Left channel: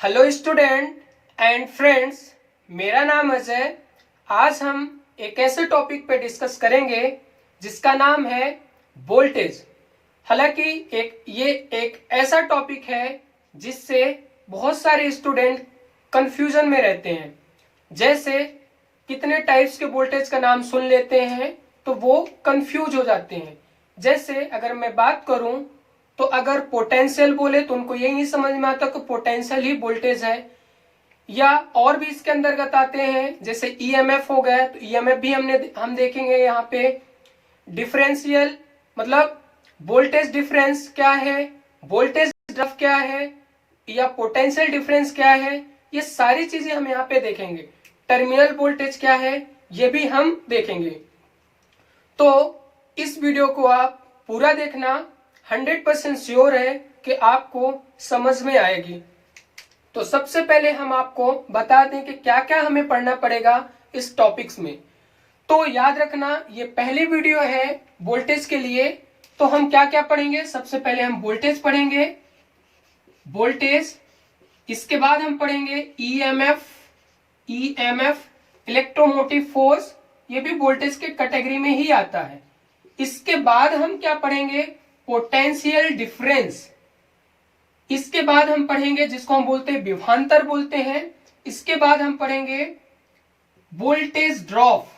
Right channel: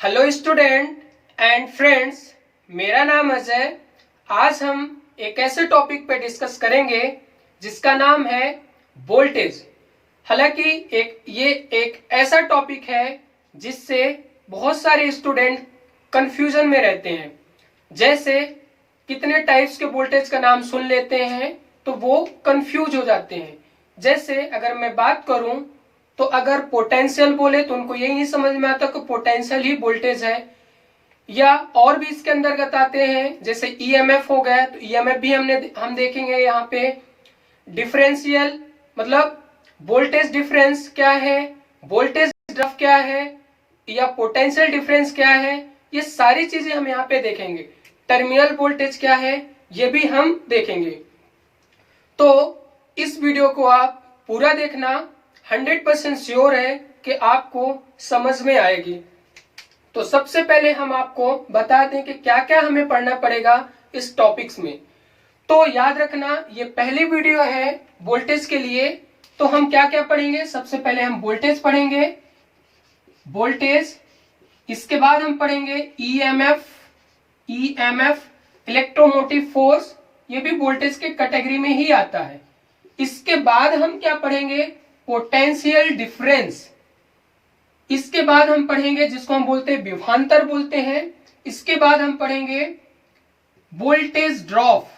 Hello student and friends, मेरा नाम अजय। आज हम एक ऐसे टॉपिक पे डिस्कस करेंगे जिसका नाम है वोल्टेज। हालांकि ये एक ऐसा टॉपिक है जिससे बहुत सारे स्टूडेंट कंफ्यूजन में रहते हैं। जैसे कितने टाइप्स के वोल्टेज का नाम सुन लेते हैं तो वो कंफ्यूज हो जाते हैं। जैसे अगर मैं बात करूं तो अगर पोटेंशियल बोले तो उनको यही नहीं समझ में आता कि पोटेंशियल ही वोल्टेज है, या और भी इसके अंतर्गत आते हैं जैसे ईएमएफ हो गया। तो ईएमएफ भी हम देखेंगे यहाँ पे। डिफरेंशियल मतलब वोल्टेज डिफरेंस क्या है, वोल्टेज ड्रॉप क्या है, या पोटेंशियल डिफरेंस क्या है, ये सारी चीजें हम यहाँ पे देखेंगे। टर्मिनल वोल्टेज क्या है ये भी हम देखेंगे। तो इस वीडियो को आप पूरा देखना, 100% श्योर है कि आपको समझ में आएगी। तो सबसे पहले हम आपको बता दें कि क्या क्या हमें पढ़ना पड़ेगा इस टॉपिक्स में। तो याद रखना ये पहली वीडियो है वोल्टेज के लिए। तो हम क्या क्या पढ़ेंगे, सबसे पहले हम वोल्टेज पढ़ेंगे, वोल्टेज। इसके बाद हम पढ़ेंगे ईएमएफ, इलेक्ट्रोमोटिव फोर्स, ये भी वोल्टेज के कैटेगरी में ही आता है। इसके बाद हम क्या पढ़ेंगे, पोटेंशियल डिफरेंस। इसके बाद हम पढ़ेंगे जिसको हम बोलते हैं विभवांतर बोलते हैं। इसके बाद हम पढ़ेंगे वोल्टेज ड्रॉप,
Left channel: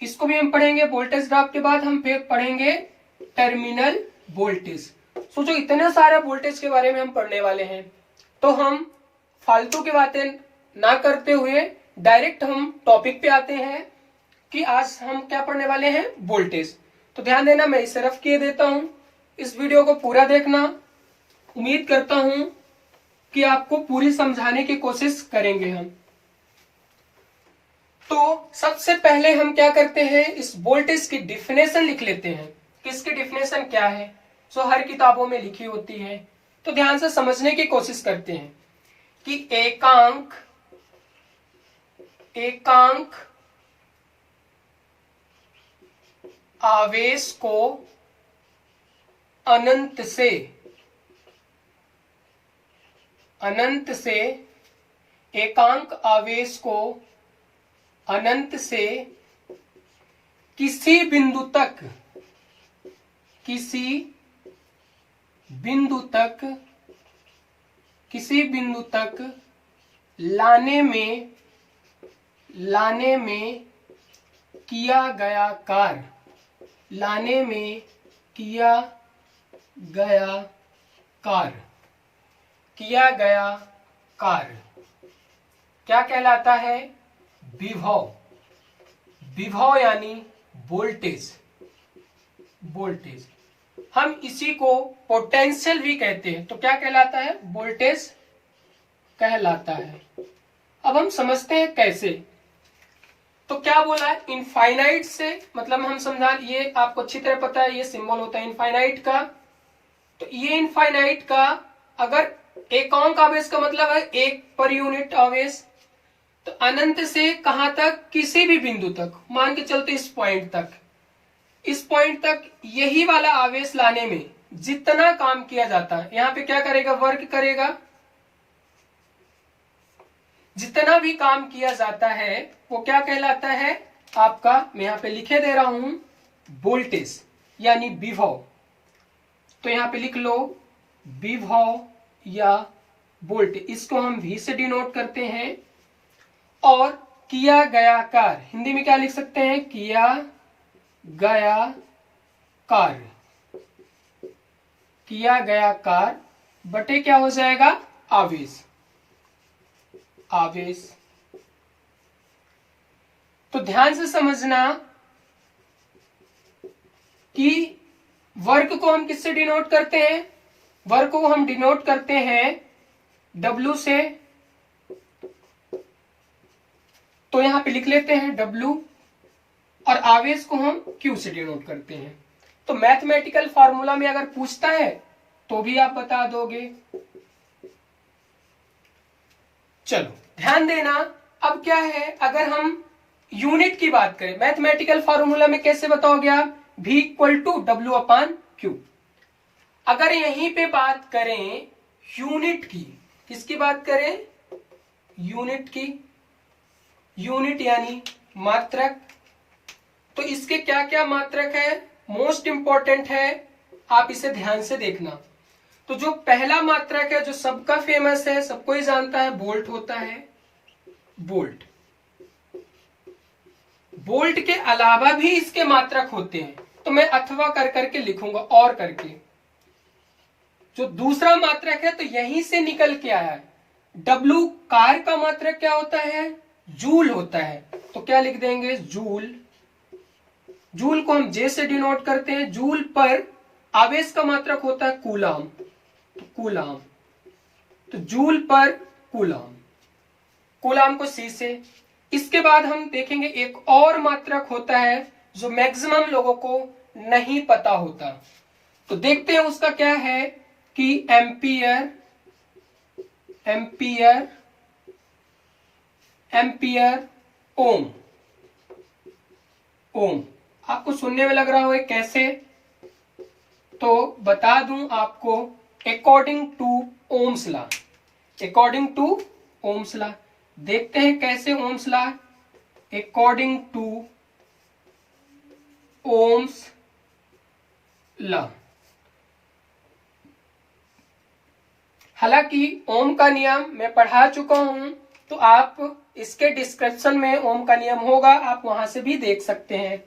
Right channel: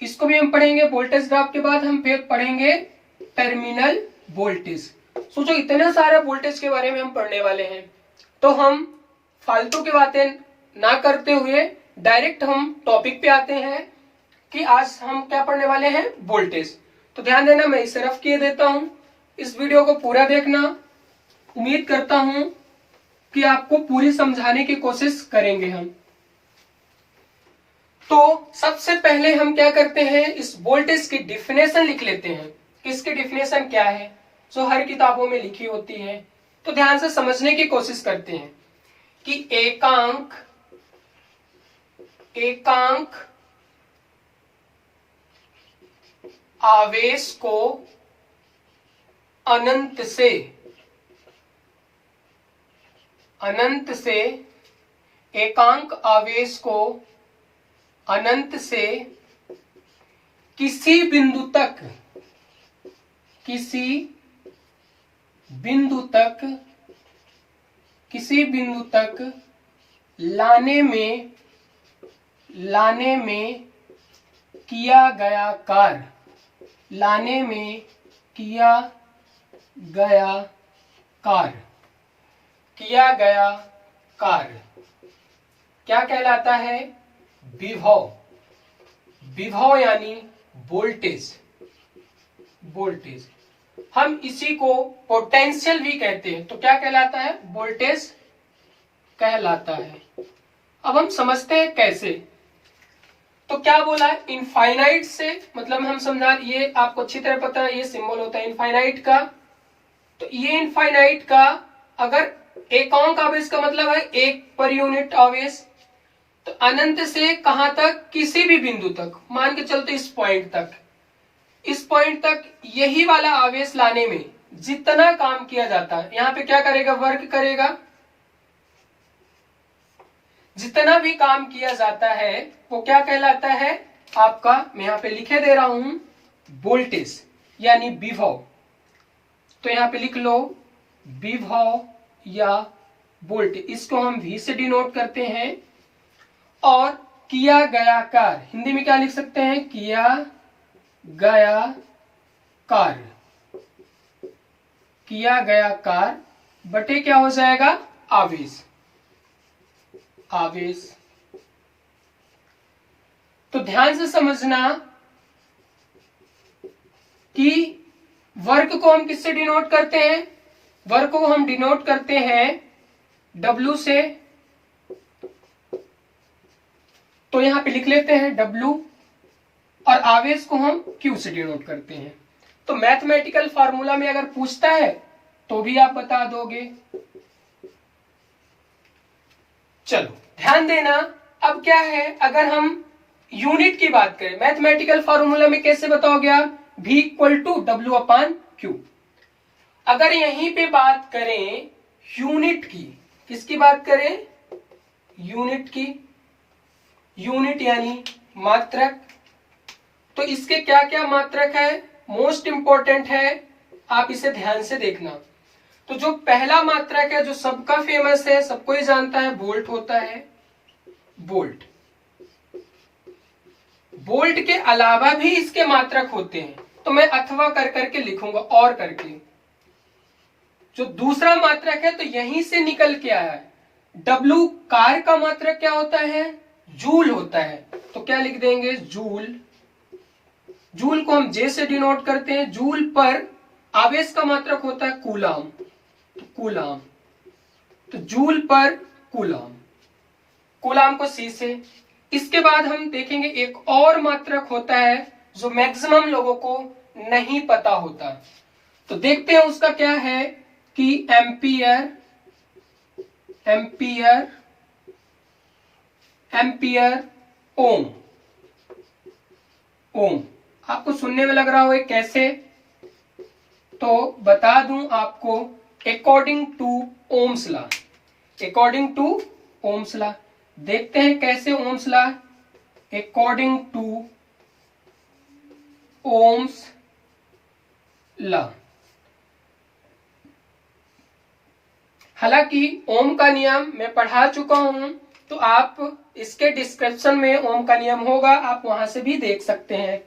इसको भी हम पढ़ेंगे। वोल्टेज ड्रॉप के बाद हम फिर पढ़ेंगे टर्मिनल वोल्टेज। सोचो इतने सारे वोल्टेज के बारे में हम पढ़ने वाले हैं, तो हम फालतू की बातें ना करते हुए डायरेक्ट हम टॉपिक पे आते हैं कि आज हम क्या पढ़ने वाले हैं, वोल्टेज। तो ध्यान देना, मैं इसे रफ किए देता हूं। इस वीडियो को पूरा देखना। उम्मीद करता हूं कि आपको पूरी समझाने की कोशिश करेंगे हम। तो सबसे पहले हम क्या करते हैं, इस वोल्टेज की डिफिनेशन लिख लेते हैं। इसकी डिफिनेशन क्या है जो हर किताबों में लिखी होती है। तो ध्यान से समझने की कोशिश करते हैं कि एकांक आवेश को अनंत से एकांक आवेश को अनंत से किसी बिंदु तक लाने में किया गया कार्य क्या कहलाता है, विभव यानी वोल्टेज। हम इसी को पोटेंशियल भी कहते हैं। तो क्या कहलाता है, वोल्टेज कहलाता है। अब हम समझते हैं कैसे। तो क्या बोला, इनफाइनाइट से, मतलब हम समझा, ये आपको अच्छी तरह पता है, ये सिंबल होता है इनफाइनाइट का। तो ये इनफाइनाइट का अगर एकांक आवेश का मतलब है एक पर यूनिट आवेश। तो अनंत से कहां तक, किसी भी बिंदु तक, मान के चलते इस पॉइंट तक यही वाला आवेश लाने में जितना काम किया जाता है, यहां पे क्या करेगा, वर्क करेगा। जितना भी काम किया जाता है वो क्या कहलाता है आपका, मैं यहां पे लिखे दे रहा हूं, वोल्टेज यानी विभव। तो यहां पे लिख लो विभव या वोल्टेज, इसको हम V से डिनोट करते हैं। और किया गया कार्य हिंदी में क्या लिख सकते हैं, किया गया कार्य बटे क्या हो जाएगा, आवेश। तो ध्यान से समझना कि वर्क को हम किससे डिनोट करते हैं, वर्क को हम डिनोट करते हैं W से। तो यहां पे लिख लेते हैं W, और आवेश को हम Q से डिनोट करते हैं। तो मैथमेटिकल फार्मूला में अगर पूछता है तो भी आप बता दोगे। चलो ध्यान देना। अब क्या है, अगर हम यूनिट की बात करें, मैथमेटिकल फार्मूला में कैसे बताओगे आप, V = W/Q। अगर यहीं पे बात करें यूनिट की, किसकी बात करें? यूनिट की। यूनिट यानी मात्रक। तो इसके क्या क्या मात्रक है? मोस्ट इंपॉर्टेंट है, आप इसे ध्यान से देखना। तो जो पहला मात्रक है, जो सबका फेमस है, सबको ही जानता है, बोल्ट होता है। बोल्ट। बोल्ट के अलावा भी इसके मात्रक होते हैं, तो मैं अथवा कर करके लिखूंगा, और करके। जो दूसरा मात्रक है तो यहीं से निकल के आया है। डब्लू कार का मात्रक क्या होता है? जूल होता है। तो क्या लिख देंगे? जूल। जूल को हम जे से डिनोट करते हैं। जूल पर आवेश का मात्रक होता है कूलाम। तो कूलाम, तो जूल पर कूलाम। कूलाम को सी से। इसके बाद हम देखेंगे एक और मात्रक होता है जो मैक्सिमम लोगों को नहीं पता होता। तो देखते हैं उसका क्या है कि एम्पियर। एम्पियर, एम्पियर, ओम। ओम आपको सुनने में लग रहा हो कैसे? तो बता दूं आपको, according to Ohm's law. According to Ohm's law. देखते हैं कैसे Ohm's law. According to Ohm's law. हालांकि ओम का नियम मैं पढ़ा चुका हूं, तो आप इसके डिस्क्रिप्शन में ओम का नियम होगा, आप वहां से भी देख सकते हैं।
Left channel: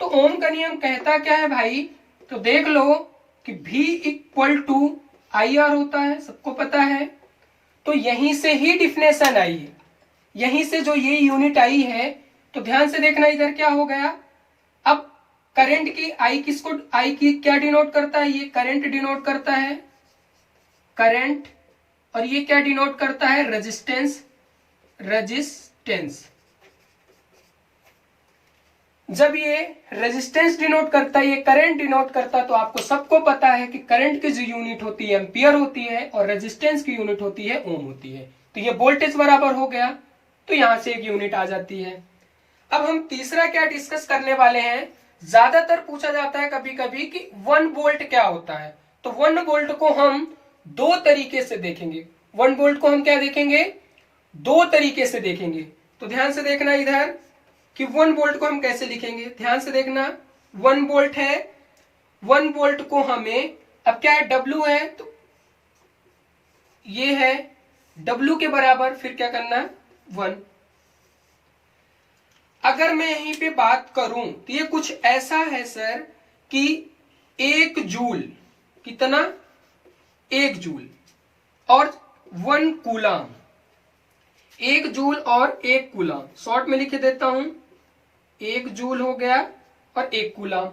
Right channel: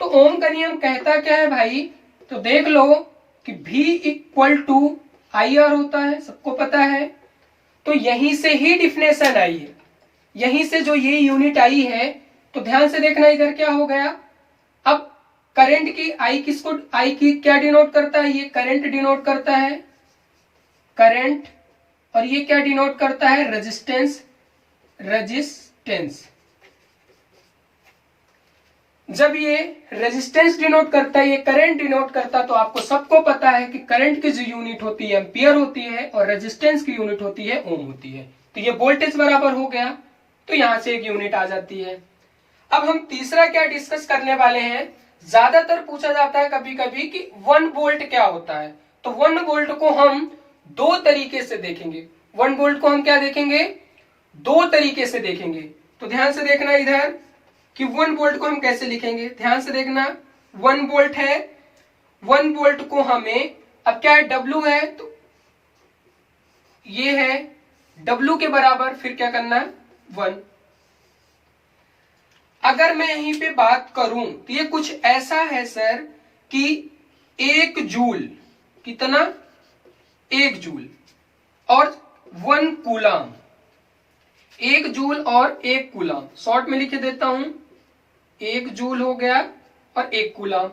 तो ओम का नियम कहता क्या है भाई? तो देख लो कि V इक्वल टू IR होता है, सबको पता है। तो यहीं से ही डिफिनेशन आई है, यहीं से जो ये यूनिट आई है। तो ध्यान से देखना, इधर क्या हो गया? अब करंट की I किसको, I की क्या डिनोट करता है? ये करंट डिनोट करता है, करंट। और ये क्या डिनोट करता है? रेजिस्टेंस। रेजिस्टेंस। जब ये रेजिस्टेंस डिनोट करता है, ये करंट डिनोट करता, तो आपको सबको पता है कि करंट की जो यूनिट होती है एम्पियर होती है, और रेजिस्टेंस की यूनिट होती है ओम होती है। तो ये वोल्टेज बराबर हो गया, तो यहां से एक यूनिट आ जाती है। अब हम तीसरा क्या डिस्कस करने वाले हैं? ज्यादातर पूछा जाता है कभी कभी कि 1 वोल्ट क्या होता है। तो 1 वोल्ट को हम दो तरीके से देखेंगे। 1 वोल्ट को हम क्या देखेंगे? दो तरीके से देखेंगे। तो ध्यान से देखना इधर कि 1 वोल्ट को हम कैसे लिखेंगे। ध्यान से देखना, 1 वोल्ट है। 1 वोल्ट को हमें, अब क्या है? W है, तो ये है W के बराबर, फिर क्या करना है? 1। अगर मैं यहीं पे बात करूं तो ये कुछ ऐसा है सर कि 1 जूल, कितना? 1 जूल और 1 कूलाम। 1 जूल और 1 कूलाम, शॉर्ट में लिख देता हूं, 1 जूल हो गया और 1 कूलाम।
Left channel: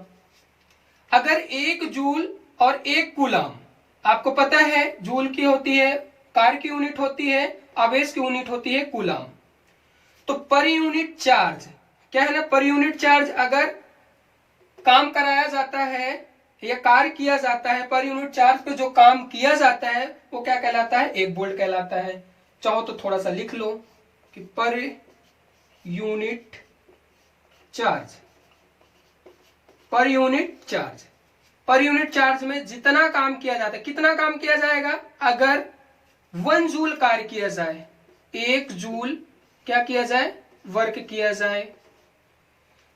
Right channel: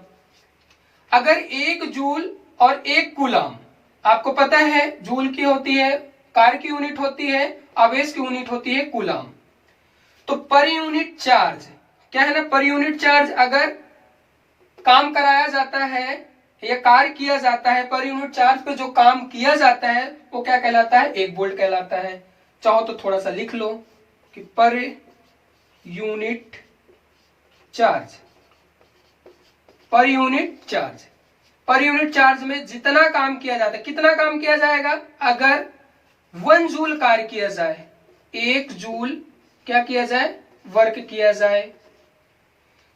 अगर 1 जूल और 1 कूलाम, आपको पता है जूल की होती है कार की यूनिट होती है, आवेश की यूनिट होती है कूलाम। तो पर यूनिट चार्ज क्या है ना, पर यूनिट चार्ज अगर काम कराया जाता है या कार्य किया जाता है, पर यूनिट चार्ज पे जो काम किया जाता है वो क्या कहलाता है? 1 वोल्ट कहलाता है। चाहो तो थोड़ा सा लिख लो कि per unit charge, per unit charge, per unit charge में जितना काम किया जाता है, कितना काम किया जाएगा? अगर 1 जूल कार्य किया जाए, 1 जूल क्या किया जाए? वर्क किया जाए।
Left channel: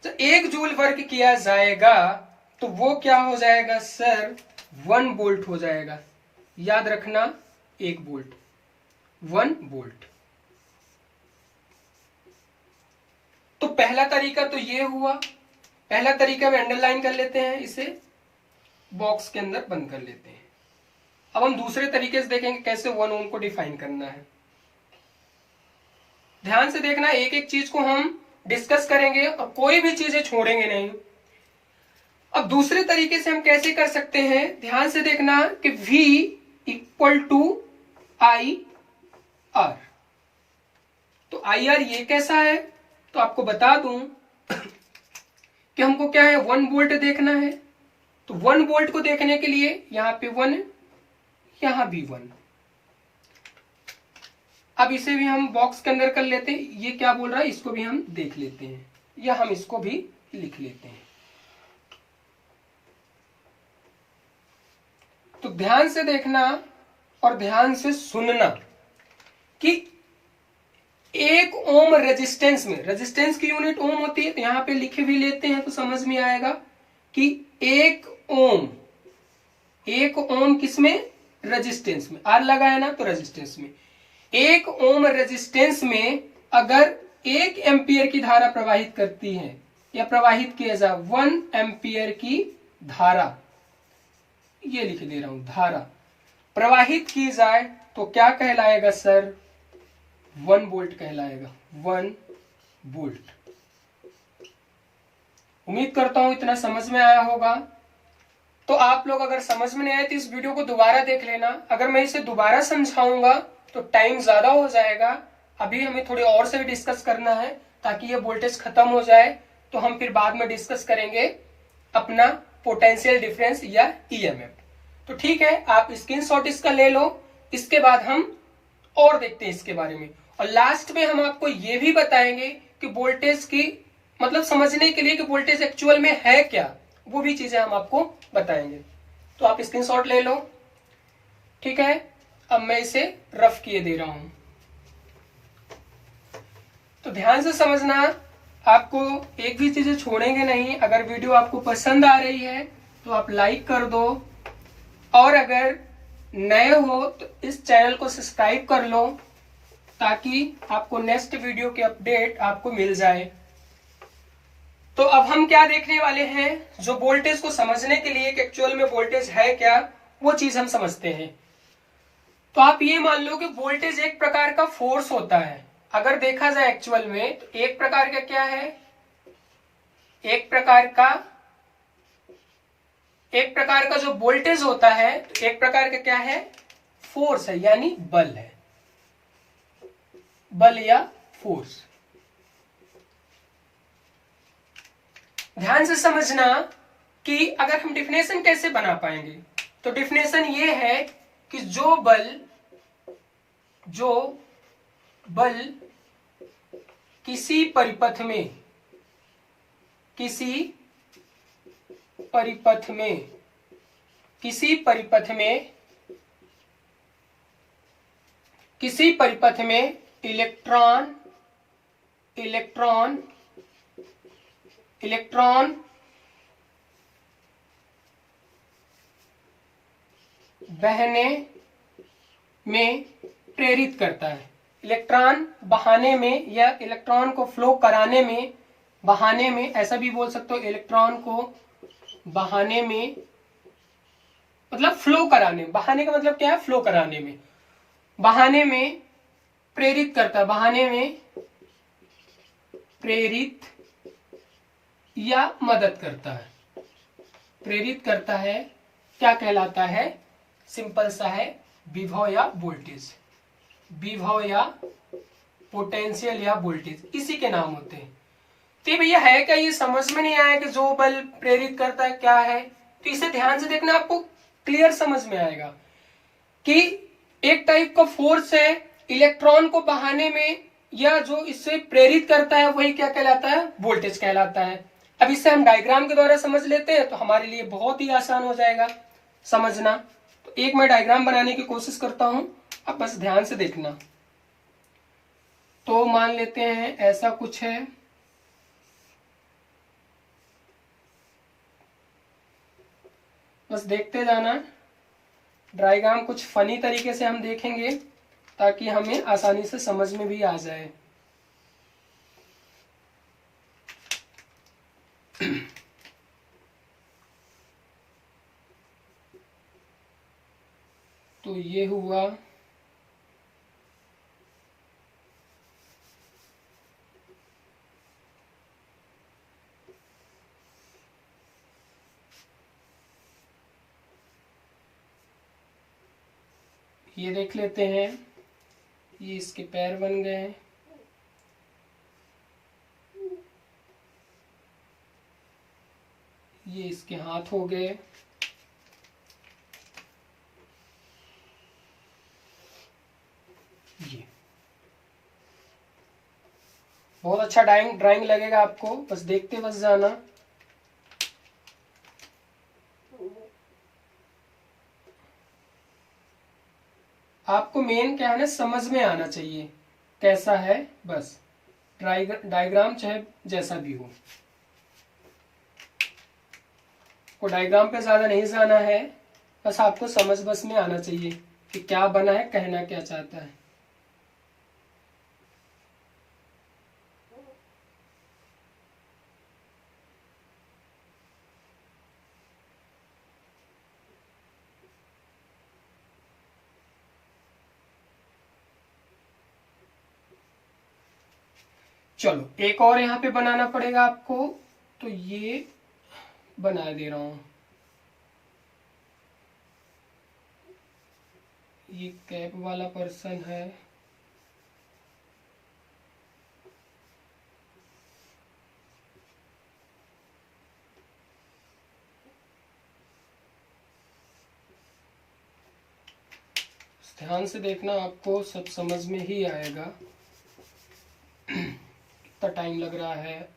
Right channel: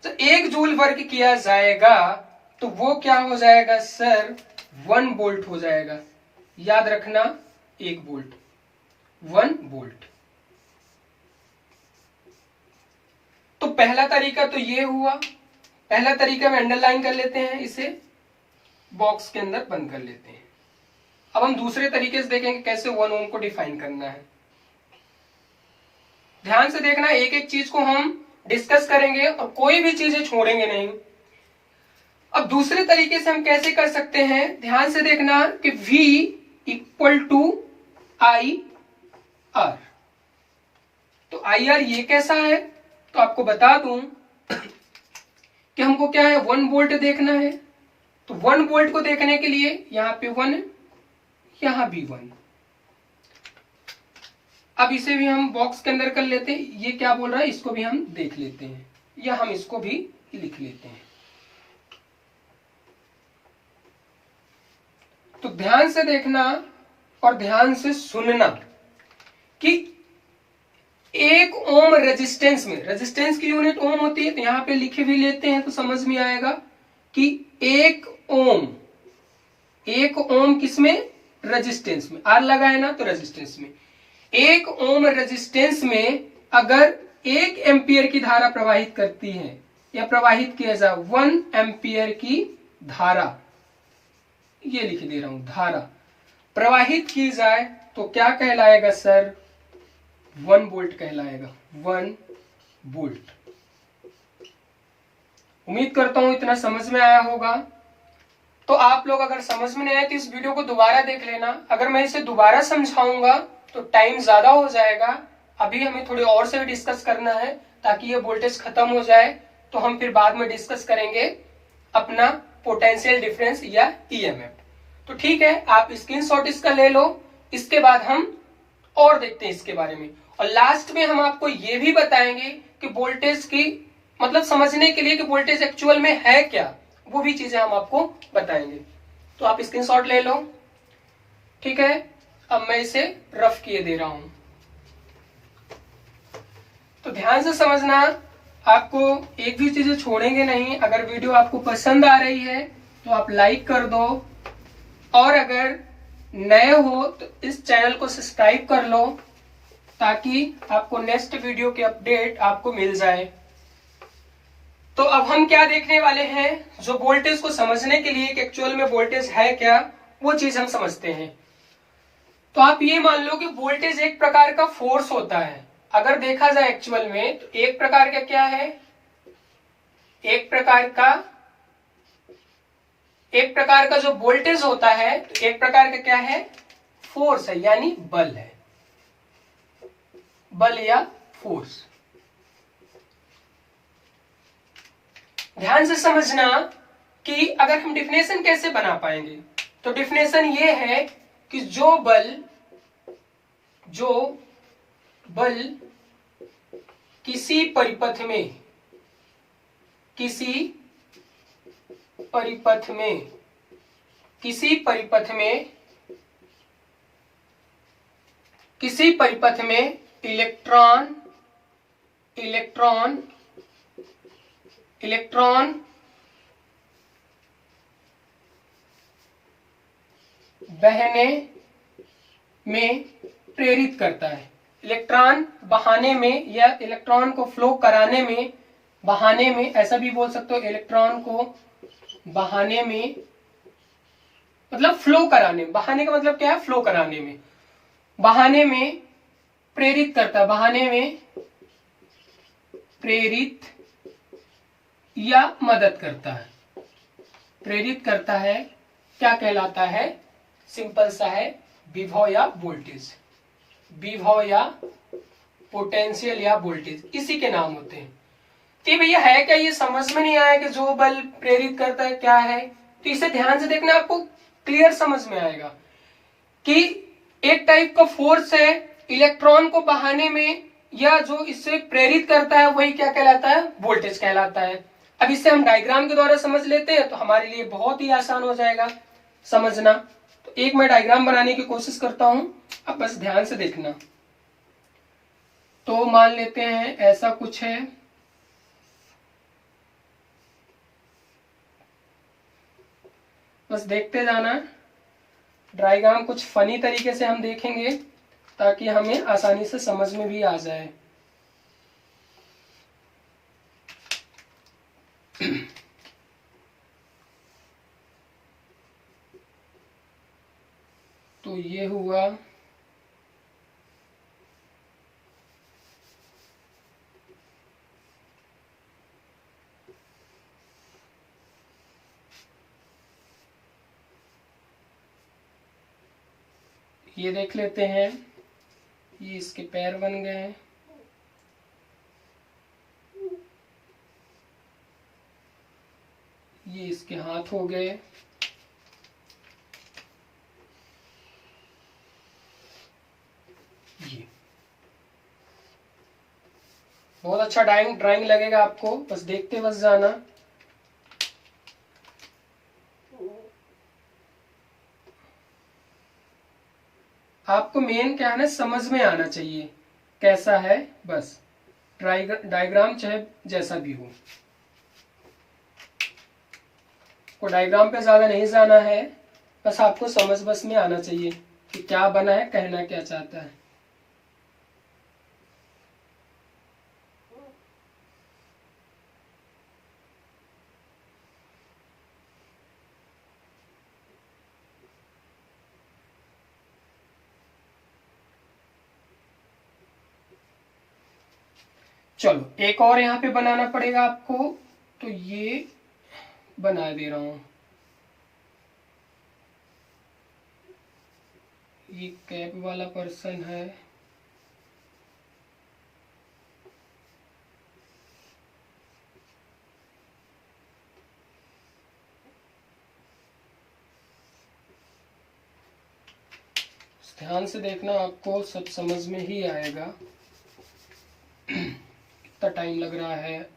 तो 1 जूल वर्क किया जाएगा तो वो क्या हो जाएगा सर? 1 वोल्ट हो जाएगा। याद रखना, 1 वोल्ट, 1 वोल्ट। तो पहला तरीका तो ये हुआ। पहला तरीका में अंडरलाइन कर लेते हैं, इसे बॉक्स के अंदर बंद कर लेते हैं। अब हम दूसरे तरीके से देखेंगे कैसे 1 ओम को डिफाइन करना है। ध्यान से देखना, एक एक चीज को हम डिस्कस करेंगे और कोई भी चीजें छोड़ेंगे नहीं। अब दूसरे तरीके से हम कैसे कर सकते हैं? ध्यान से देखना कि V इक्वल टू IR। तो IR ये कैसा है? तो आपको बता दूं कि हमको क्या है? 1 वोल्ट देखना है। तो 1 वोल्ट को देखने के लिए यहां पे 1, यहां भी 1। अब इसे भी हम बॉक्स के अंदर कर लेते हैं। ये क्या बोल रहा है इसको भी हम देख लेते हैं, या हम इसको भी लिख लेते हैं। तो ध्यान से देखना और ध्यान से सुनना। 1 ओम रेजिस्टेंस में, रेजिस्टेंस की यूनिट ओम होती है, तो यहां पे लिखे भी लेते हैं तो समझ में आएगा कि 1 ओम, 1 ओम किसमें, रेजिस्टेंस में, आर लगा है ना तो रेजिस्टेंस में, 1 ओम रेजिस्टेंस में अगर 1 एम्पियर की धारा प्रवाहित करती है या प्रवाहित किया जाए 1 एम्पियर की धारा, ये लिख दे रहा हूं, धारा प्रवाहित की जाए तो क्या कहलाएगा सर, 1 वोल्ट कहलाएगा, 1 वोल्ट। उम्मीद करता हूं इतना समझ में आया होगा। तो आप लोग अगर समझ में नहीं आए तो इस वीडियो को दोबारा देख लेना। अगर मैं इसे दोबारा समझाऊंगा तो टाइम ज्यादा हो जाएगा, अभी हमें थोड़ी और से भी डिस्कस करना है ताकि ये वोल्टेज खत्म हो जाए, तो हम फिर बाद में डिस्कस करेंगे अपना पोटेंशियल डिफरेंस या ईएमएफ। तो ठीक है, आप स्क्रीनशॉट इसका ले लो, इसके बाद हम और देखते हैं इसके बारे में। और लास्ट में हम आपको ये भी बताएंगे कि वोल्टेज की मतलब समझने के लिए कि वोल्टेज एक्चुअल में है क्या, वो भी चीजें हम आपको बताएंगे। तो आप स्क्रीनशॉट ले लो, ठीक है। अब मैं इसे रफ किए दे रहा हूं, तो ध्यान से समझना, आपको एक भी चीजें छोड़ेंगे नहीं। अगर वीडियो आपको पसंद आ रही है तो आप लाइक कर दो, और अगर नए हो तो इस चैनल को सब्सक्राइब कर लो ताकि आपको नेक्स्ट वीडियो के अपडेट आपको मिल जाए। तो अब हम क्या देखने वाले हैं, जो वोल्टेज को समझने के लिए कि एक्चुअल में वोल्टेज है क्या, वो चीज हम समझते हैं। तो आप ये मान लो कि वोल्टेज एक प्रकार का फोर्स होता है। अगर देखा जाए एक्चुअल में तो एक प्रकार का क्या है, एक प्रकार का जो वोल्टेज होता है, तो एक प्रकार का क्या है, फोर्स है, यानी बल है, बल या फोर्स। ध्यान से समझना कि अगर हम डिफिनेशन कैसे बना पाएंगे, तो डिफिनेशन ये है कि जो बल किसी परिपथ में इलेक्ट्रॉन बहने में प्रेरित करता है, इलेक्ट्रॉन बहाने में या इलेक्ट्रॉन को फ्लो कराने में, बहाने में ऐसा भी बोल सकते हो, इलेक्ट्रॉन को बहाने में मतलब फ्लो कराने, बहाने का मतलब क्या है, फ्लो कराने में, बहाने में प्रेरित करता है, बहाने में प्रेरित या मदद करता है, प्रेरित करता है, क्या कहलाता है, सिंपल सा है, विभव या वोल्टेज, विभव या पोटेंशियल या वोल्टेज, इसी के नाम होते हैं। तो भैया है क्या, ये समझ में नहीं आया कि जो बल प्रेरित करता है क्या है, तो इसे ध्यान से देखना, आपको क्लियर समझ में आएगा कि एक टाइप का फोर्स है, इलेक्ट्रॉन को बहाने में या जो इससे प्रेरित करता है वही क्या कहलाता है, वोल्टेज कहलाता है। अब इसे हम डायग्राम के द्वारा समझ लेते हैं तो हमारे लिए बहुत ही आसान हो जाएगा समझना। तो एक मैं डायग्राम बनाने की कोशिश करता हूं, अब बस ध्यान से देखना। तो मान लेते हैं ऐसा कुछ है, बस देखते जाना। डायग्राम कुछ फनी तरीके से हम देखेंगे ताकि हमें आसानी से समझ में भी आ जाए। तो ये हुआ, ये देख लेते हैं, ये इसके पैर बन गए हैं, ये इसके हाथ हो गए, ये बहुत अच्छा ड्राइंग लगेगा आपको, बस देखते बस जाना। आपको मेन क्या है ना, समझ में आना चाहिए कैसा है, बस डायग्राम चाहे जैसा भी हो, को डायग्राम पे ज्यादा नहीं जाना है, बस आपको समझ बस में आना चाहिए कि क्या बना है, कहना क्या चाहता है। चलो एक और यहाँ पे बनाना पड़ेगा आपको, तो ये बना दे रहा हूं। ये कैप वाला पर्सन है, ध्यान से देखना, आपको सब समझ में ही आएगा। कितना टाइम लग रहा है।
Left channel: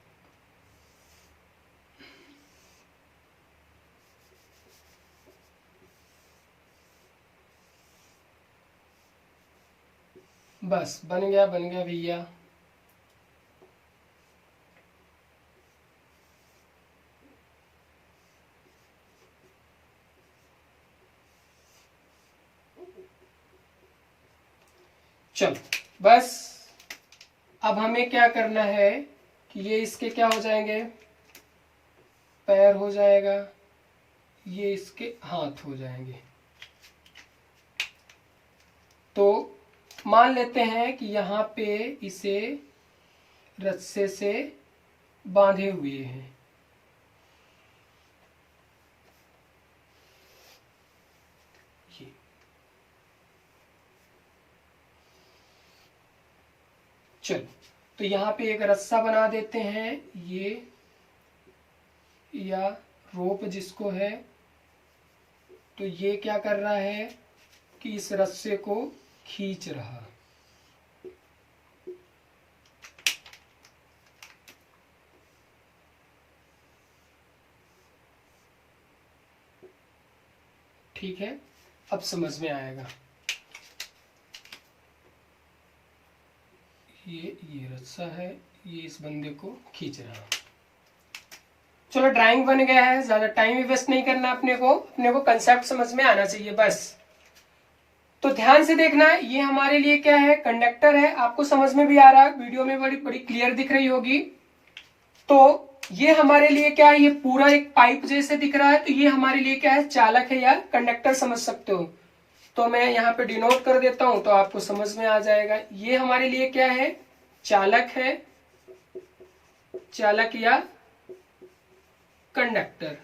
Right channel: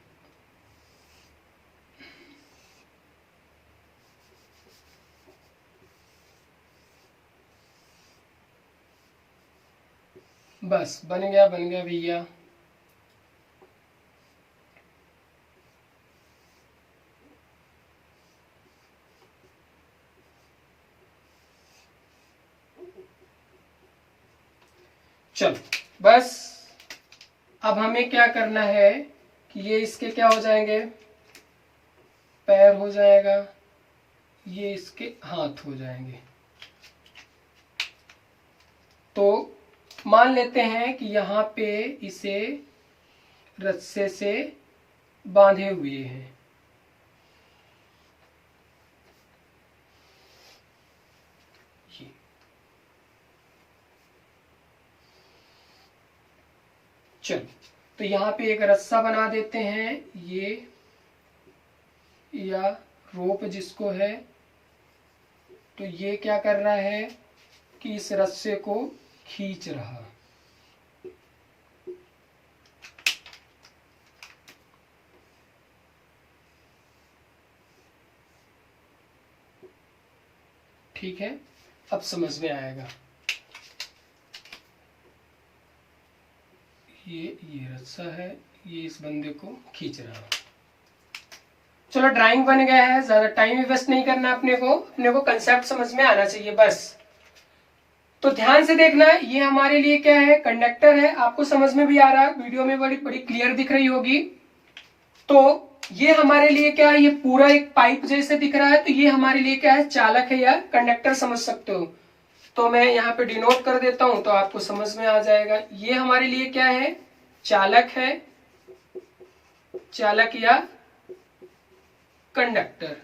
बस बन गया भैया। चलो बस अब हमें क्या करना है कि ये इसके क्या हो जाएंगे, पैर हो जाएगा, ये इसके हाथ हो जाएंगे। तो मान लेते हैं कि यहाँ पे इसे रस्से से बांधे हुए हैं। चलो तो यहाँ पे एक रस्सा बना देते हैं, ये या रोप जिसको है, तो ये क्या कर रहा है कि इस रस्से को खींच रहा। ठीक है, अब समझ में आएगा। ये रस्सा है, ये इस बंदे को खींच रहा। चलो ड्राइंग बन गया है, ज्यादा टाइम भी वेस्ट नहीं करना अपने को कंसेप्ट समझ में आना चाहिए बस। तो ध्यान से देखना, ये हमारे लिए क्या है, कंडक्टर है। आपको समझ में भी आ रहा है, वीडियो में बड़ी बड़ी क्लियर दिख रही होगी। तो ये हमारे लिए क्या है, ये पूरा एक पाइप जैसे दिख रहा है, तो ये हमारे लिए क्या है, चालक है या कंडक्टर समझ सकते हो। तो मैं यहाँ पे डिनोट कर देता हूं तो आपको समझ में आ जाएगा। ये हमारे लिए क्या है, चालक है, चालक या कंडक्टर।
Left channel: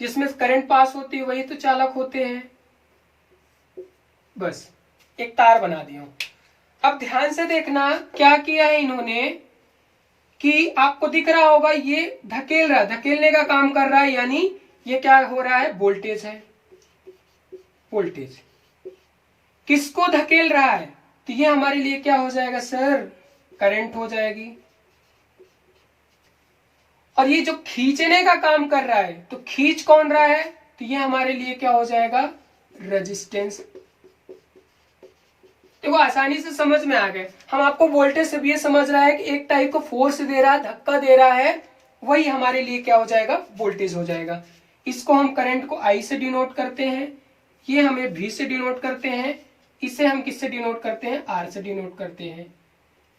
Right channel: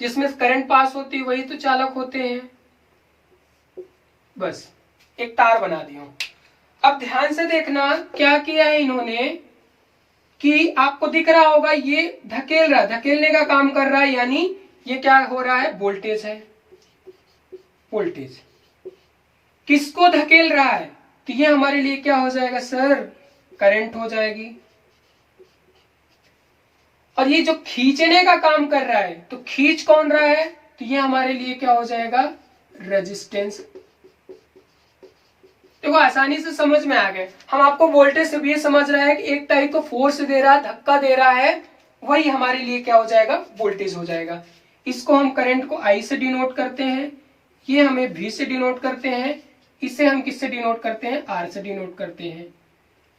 जिसमें करंट पास होती है वही तो चालक होते हैं। बस एक तार बना दी हूं। अब ध्यान से देखना क्या किया है इन्होंने, कि आपको दिख रहा होगा ये धकेल रहा, धकेलने का काम कर रहा है, यानी ये क्या हो रहा है, वोल्टेज है। वोल्टेज किसको धकेल रहा है, तो ये हमारे लिए क्या हो जाएगा सर, करंट हो जाएगी। और ये जो खींचने का काम कर रहा है, तो खींच कौन रहा है, तो ये हमारे लिए क्या हो जाएगा, रेजिस्टेंस। देखो आसानी से समझ में आ गए। हम आपको वोल्टेज से भी ये समझ रहा है कि एक टाइप को फोर्स दे रहा है, धक्का दे रहा है, वही हमारे लिए क्या हो जाएगा, वोल्टेज हो जाएगा। इसको हम करंट को I से डिनोट करते हैं, ये हमें V से डिनोट करते हैं, इसे हम किससे डिनोट करते हैं, R से डिनोट करते हैं।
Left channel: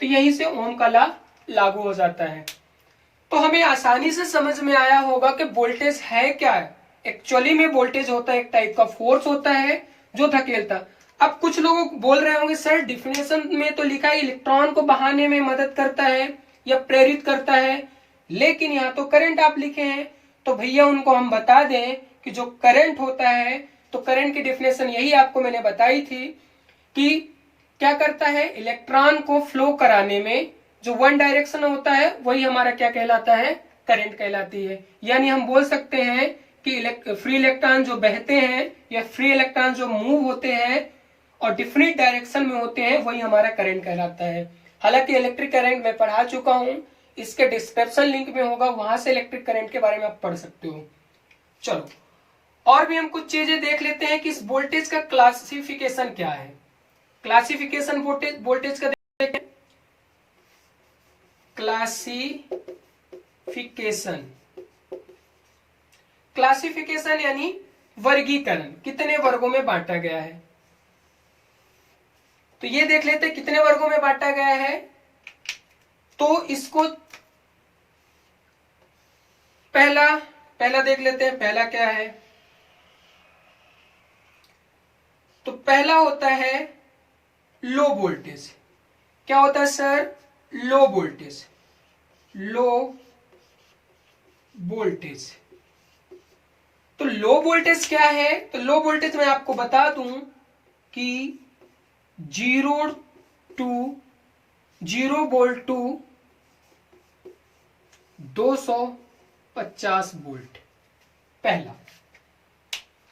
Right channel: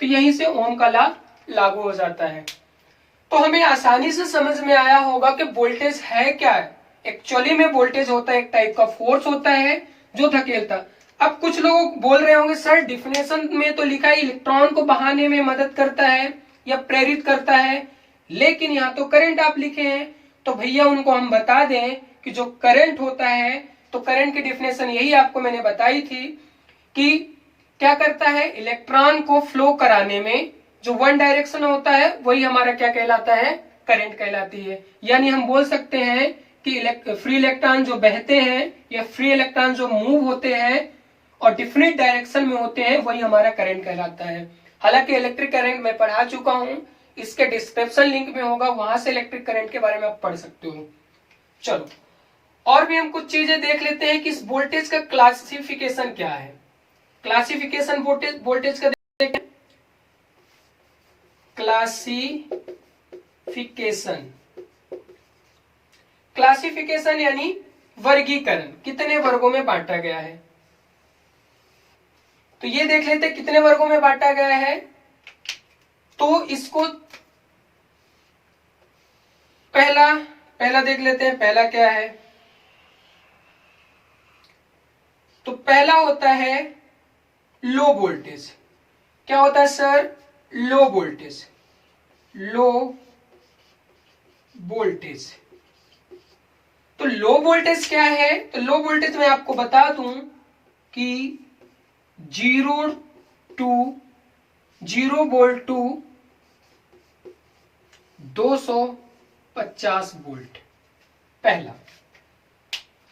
तो यहीं से ओम का लॉ लागू हो जाता है। तो हमें आसानी से समझ में आया होगा कि वोल्टेज है क्या है। एक्चुअली में वोल्टेज होता है एक टाइप का फोर्स होता है जो धकेलता। अब कुछ लोग बोल रहे होंगे सर डिफिनेशन में तो लिखा है इलेक्ट्रॉन को बहाने में मदद करता है या प्रेरित करता है, लेकिन यहाँ तो करंट आप लिखे हैं। तो भैया उनको हम बता दें कि जो करंट होता है, तो करंट की डिफिनेशन यही आपको मैंने बताई थी कि क्या करता है, इलेक्ट्रॉन को फ्लो कराने में जो वन डायरेक्शन होता है वही हमारा क्या कहलाता है, करंट कहलाती है। यानी हम बोल सकते हैं कि फ्री इलेक्ट्रॉन जो बहते हैं या फ्री इलेक्ट्रॉन जो मूव होते हैं और डिफरेंट डायरेक्शन में होते हैं वही हमारा करंट कहलाता है। हालांकि इलेक्ट्रिक करंट मैं पढ़ा चुका हूं, इसके डिस्क्रिप्शन लिंक में होगा, वहां से इलेक्ट्रिक करंट के बारे में आप पढ़ सकते हो। चलो और भी हम कुछ चीजें देख लेते हैं कि इस वोल्टेज का क्लासिफिकेशन क्या है। क्लासिफिकेशन वोल्टेज का देखते हैं। क्लासिफिकेशन यानी वर्गीकरण, कितने वर्गों में बांटा गया है। तो ये देख लेते हैं कितने वर्गों में बांटा गया है। तो इसको पहला देख लेते हैं, पहला क्या है। तो पहला होता है लो वोल्टेज। क्या होता है सर? Low voltage. तो लो वोल्टेज क्या है? तो लो वोल्टेज मैं आपको बता दूं कि 0 वोल्ट टू 250 वोल्ट। पहला,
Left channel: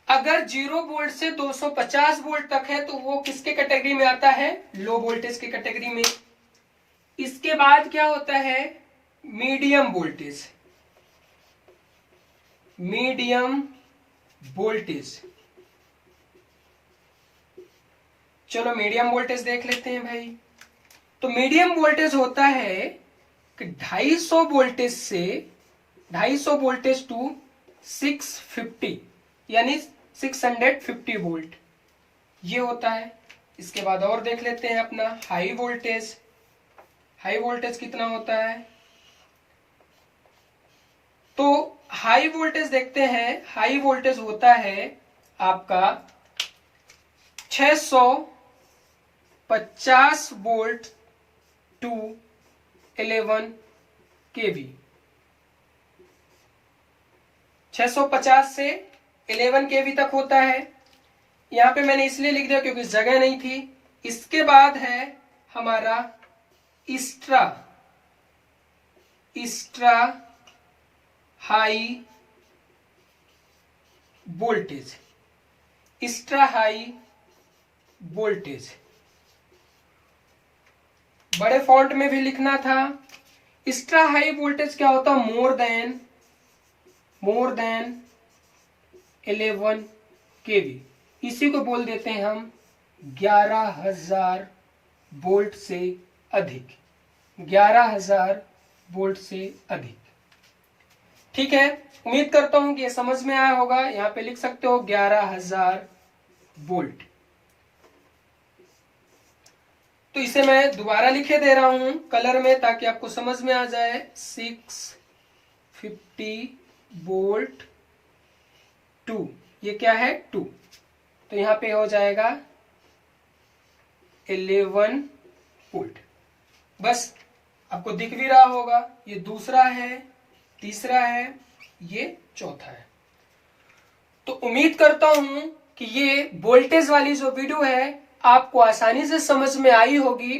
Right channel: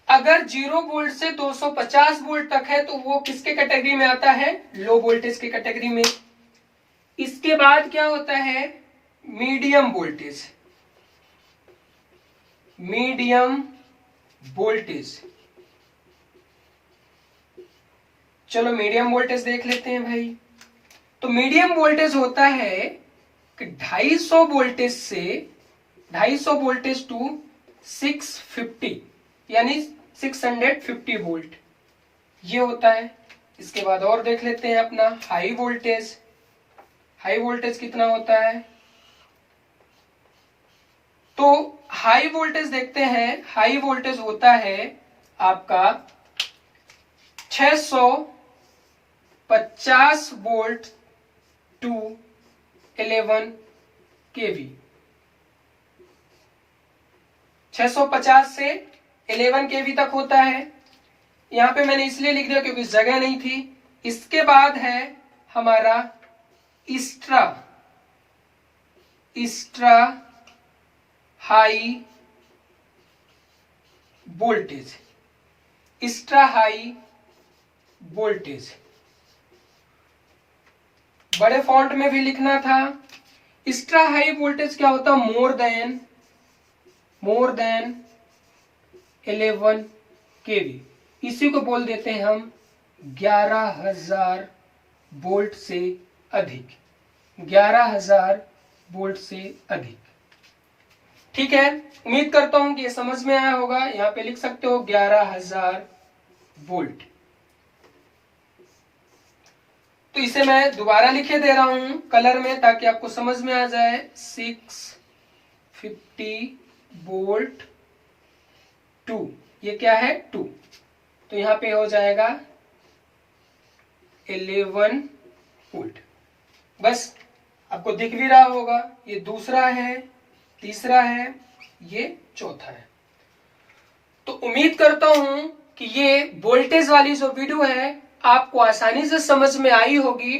अगर 0 वोल्ट से 250 वोल्ट तक है तो वो किसके कैटेगरी में आता है? लो वोल्टेज की कैटेगरी में। इसके बाद क्या होता है? Medium voltage. चलो मीडियम वोल्टेज देख लेते हैं भाई। तो मीडियम वोल्टेज होता है कि 250 वोल्टेज टू 650 यानी 650 वोल्ट, ये होता है। इसके बाद और देख लेते हैं अपना हाई वोल्टेज। हाई वोल्टेज कितना होता है? तो हाई वोल्टेज देखते हैं। हाई वोल्टेज होता है आपका 650 वोल्ट टू 11 केवी। 650 से 11 केवी तक होता है। यहां पे मैंने इसलिए लिख दिया क्योंकि जगह नहीं थी। इसके बाद है हमारा एक्स्ट्रा हाई वोल्टेज। बड़े फॉन्ट में भी लिखना था। एक्स्ट्रा हाई वोल्टेज क्या होता? मोर देन 11 केवी। इसी को बोल देते हैं हम 11,000 वोल्ट से अधिक। 11,000 वोल्ट से अधिक। ठीक है, उम्मीद करता हूं कि ये समझ में आया होगा। यहां पे लिख सकते हो 11,000 वोल्ट। तो इसे मैं दोबारा लिखे दे रहा हूं कलर में ताकि आपको समझ में आ जाए। 650 वोल्ट टू, ये क्या है? 2। तो यहां पे हो जाएगा 11 वोल्ट। बस आपको दिख भी रहा होगा। ये दूसरा है, तीसरा है, ये चौथा है। तो उम्मीद करता हूं कि ये वोल्टेज वाली जो वीडियो है आपको आसानी से समझ में आई होगी।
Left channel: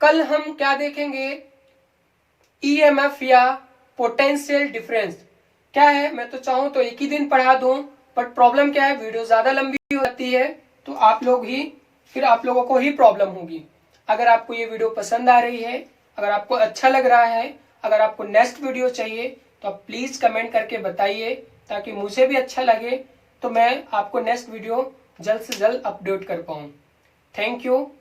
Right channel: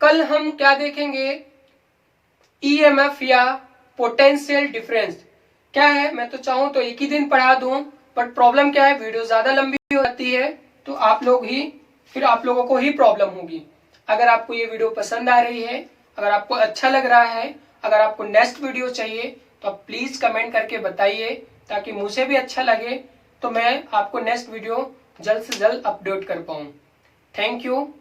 कल हम क्या देखेंगे? ईएमएफ या पोटेंशियल डिफरेंस क्या है। मैं तो चाहूं तो एक ही दिन पढ़ा दूं, बट प्रॉब्लम क्या है, वीडियो ज्यादा लंबी हो जाती है तो आप लोगों को ही प्रॉब्लम होगी। अगर आपको ये वीडियो पसंद आ रही है, अगर आपको अच्छा लग रहा है, अगर आपको नेक्स्ट वीडियो चाहिए तो आप प्लीज कमेंट करके बताइए ताकि मुझे भी अच्छा लगे, तो मैं आपको नेक्स्ट वीडियो जल्द से जल्द अपलोड कर पाऊं। Thank you.